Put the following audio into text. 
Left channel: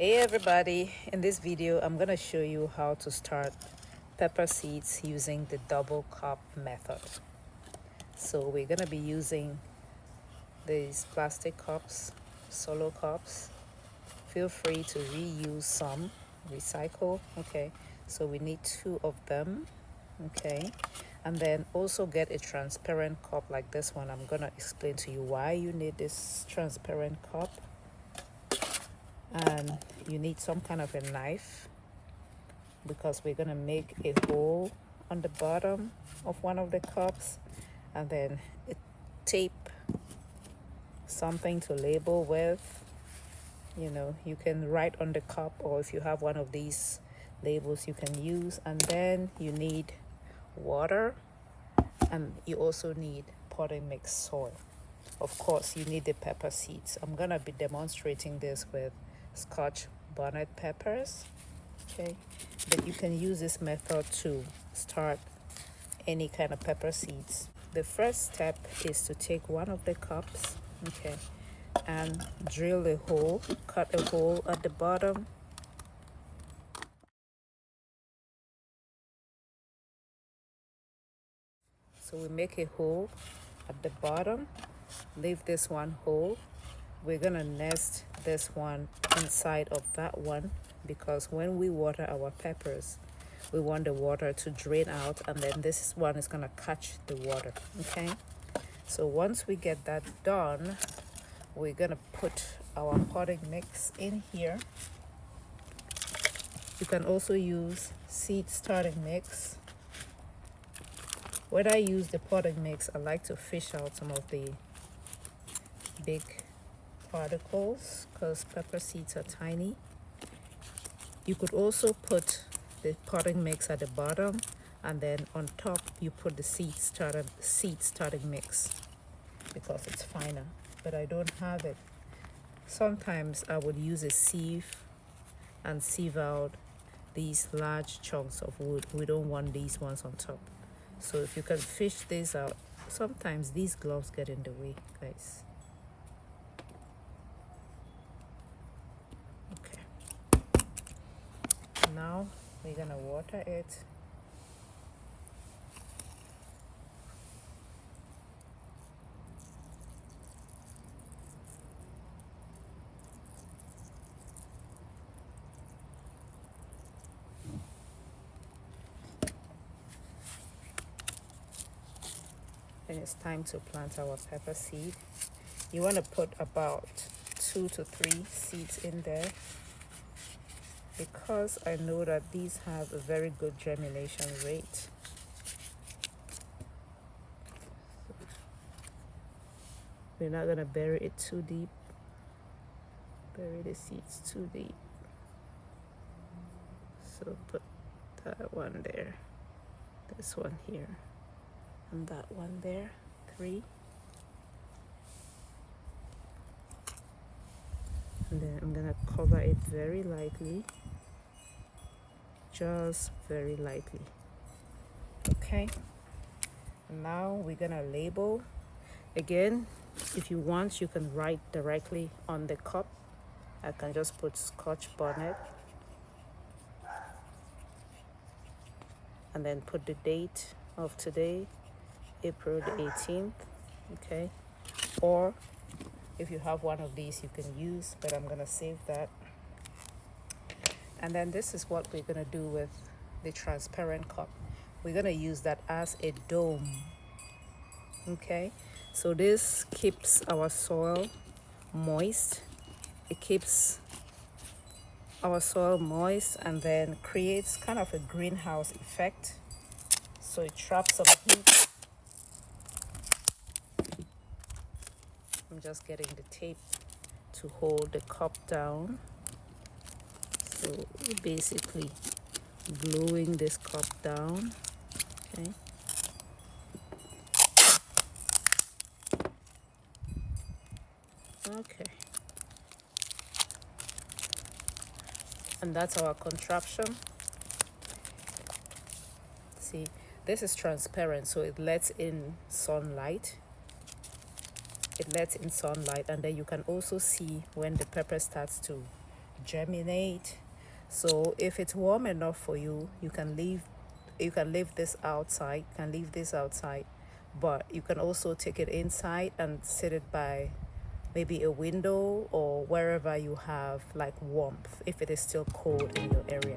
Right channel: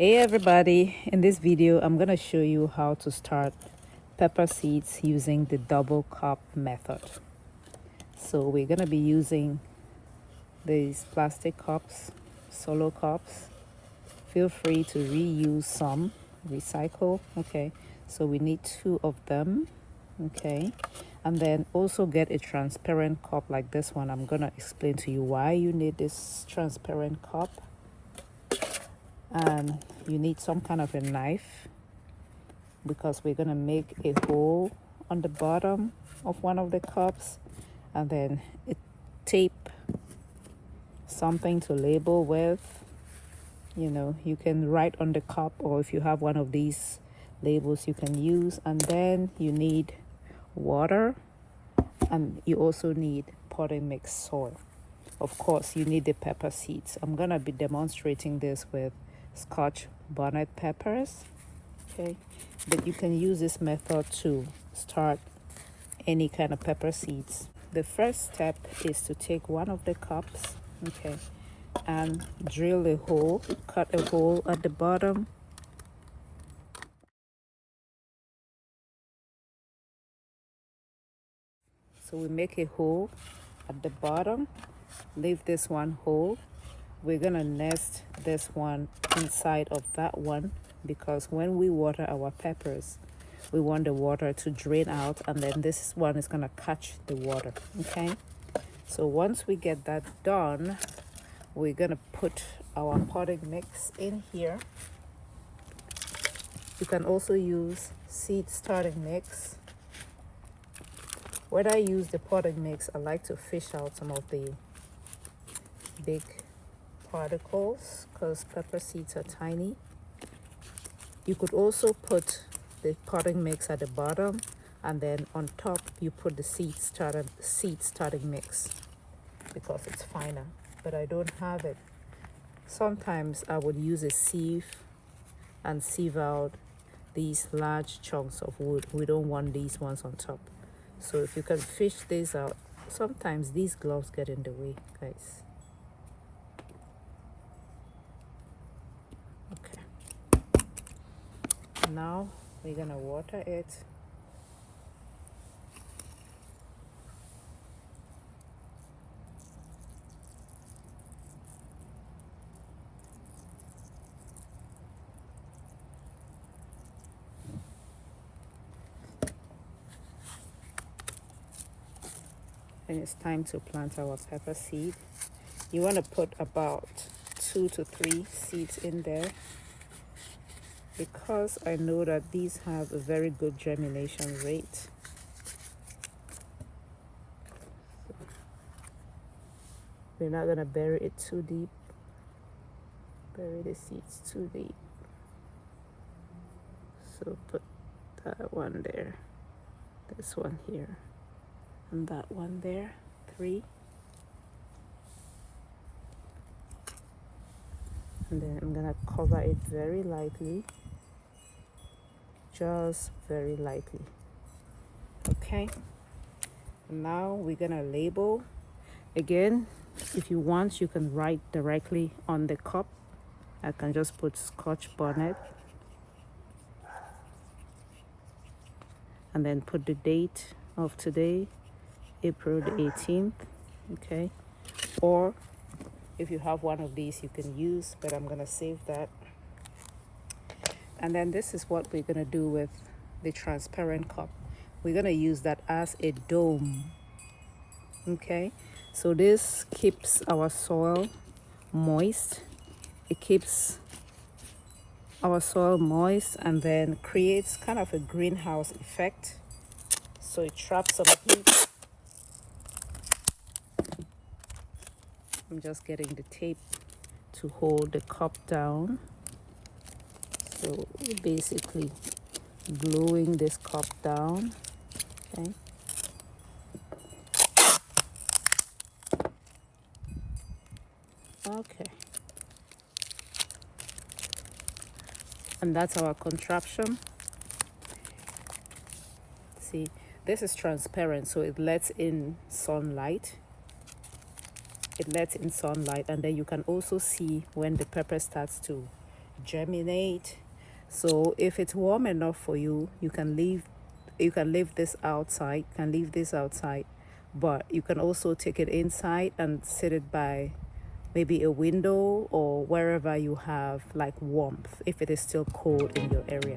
Hey everybody, in this video I'm going to show you how to start pepper seeds using the double cup method. So we're going to be using these plastic cups, solo cups. Feel free to reuse some, recycle. Okay, so we need 2 of them. Okay, and then also get a transparent cup like this one. I'm going to explain to you why you need this transparent cup. And you need some kind of a knife because we're going to make a hole on the bottom of one of the cups, and then a tape, something to label with. You can write on the cup, or if you have one of these labels you can use. And then you need water, and you also need potting mix soil. Of course you need the pepper seeds. I'm going to be demonstrating this with scotch bonnet peppers. Okay, but you can use this method to start any kind of pepper seeds. The first step is to take one of the cups, okay, and drill a hole, cut a hole at the bottom. So we make a hole at the bottom, leave this one hole. We're gonna nest this one inside of that one, because when we water our peppers, we want the water to drain out, and then this one is gonna catch the water. Okay, so once we get that done, we're gonna put our potting mix in here. You can also use seed starting mix. When I use the potting mix, I like to fish out some of the big particles because pepper seeds are tiny. You could also put the potting mix at the bottom, and then on top you put the seed starting mix because it's finer, but I don't have it. Sometimes I would use a sieve and sieve out these large chunks of wood. We don't want these ones on top. So if you can fish these out, sometimes these gloves get in the way, guys. Okay, now we're gonna water it. And it's time to plant our pepper seed. You want to put about 2 to 3 seeds in there, because I know that these have a very good germination rate. We're not gonna bury it too deep. Bury the seeds too deep. So put that one there, this one here, and that one there. 3. And then I'm gonna cover it very lightly, just very lightly. Okay, and now we're gonna label. Again, if you want, you can write directly on the cup. I can just put scotch bonnet and then put the date of today, April the 18th. Okay, or if you have one of these you can use, but I'm gonna save that. And then this is what we're gonna do with the transparent cup. We're gonna use that as a dome. Okay, so this keeps our soil moist. It keeps our soil moist and then creates kind of a greenhouse effect. So it traps some heat. I'm just getting the tape to hold the cup down. So we're basically gluing this cup down. Okay. Okay. And that's our contraption. See, this is transparent, so it lets in sunlight. And then you can also see when the pepper starts to germinate. So if it's warm enough for you, you can leave this outside, but you can also take it inside and sit it by maybe a window or wherever you have like warmth, if it is still cold in your area.